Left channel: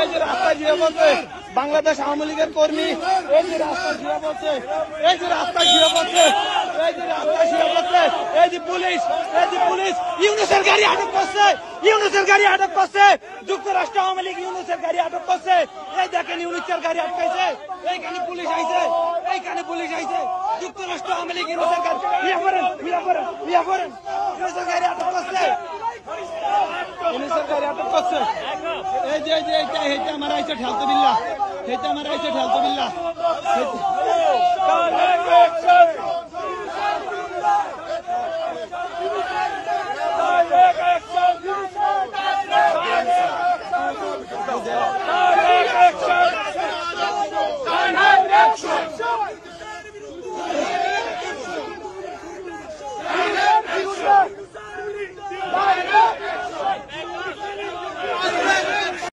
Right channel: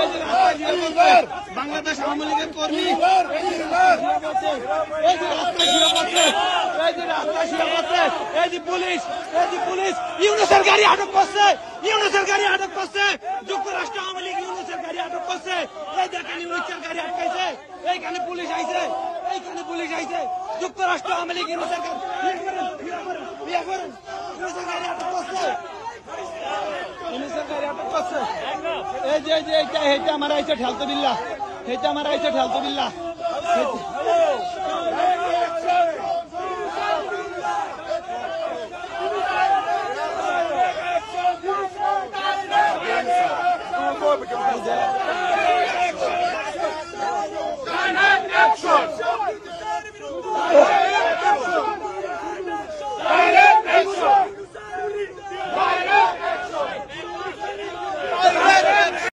এই যে রাস্তায় ঘিরে পড়ছে বাংলাদেশ আওয়ামী লীগের কর্মী, এই যে রাস্তায় ঘিরে পড়ছে, এই যে রাস্তায় ঘিরে পড়ছে, এই যে রাস্তায় ঘিরে পড়ছে, এই যে পুলিশ, এই যে পুলিশ ইউনূসের গাড়ি আটক করছে, ইউনূসের গাড়ি আটক করছে, যুক্তরাষ্ট্র আওয়ামী লীগ ইউনূসের গাড়ি আটক করছে। এই দেখেন ইউনূসের গাড়ি আটকাইছে, এইখানে পুলিশ আইছে, এইখানে পুলিশ আইছে, যুক্তরাষ্ট্র আওয়ামী লীগ ইউনূসের গাড়ি ইউনূসের গাড়ি আটক করছে, ইউনূসের গাড়ি আটক করছে। এই যে এইটা আমার আইছে ঠেলতো বিল্লা, এইটা আমার আইছে ঠেলতো বিল্লা। Action!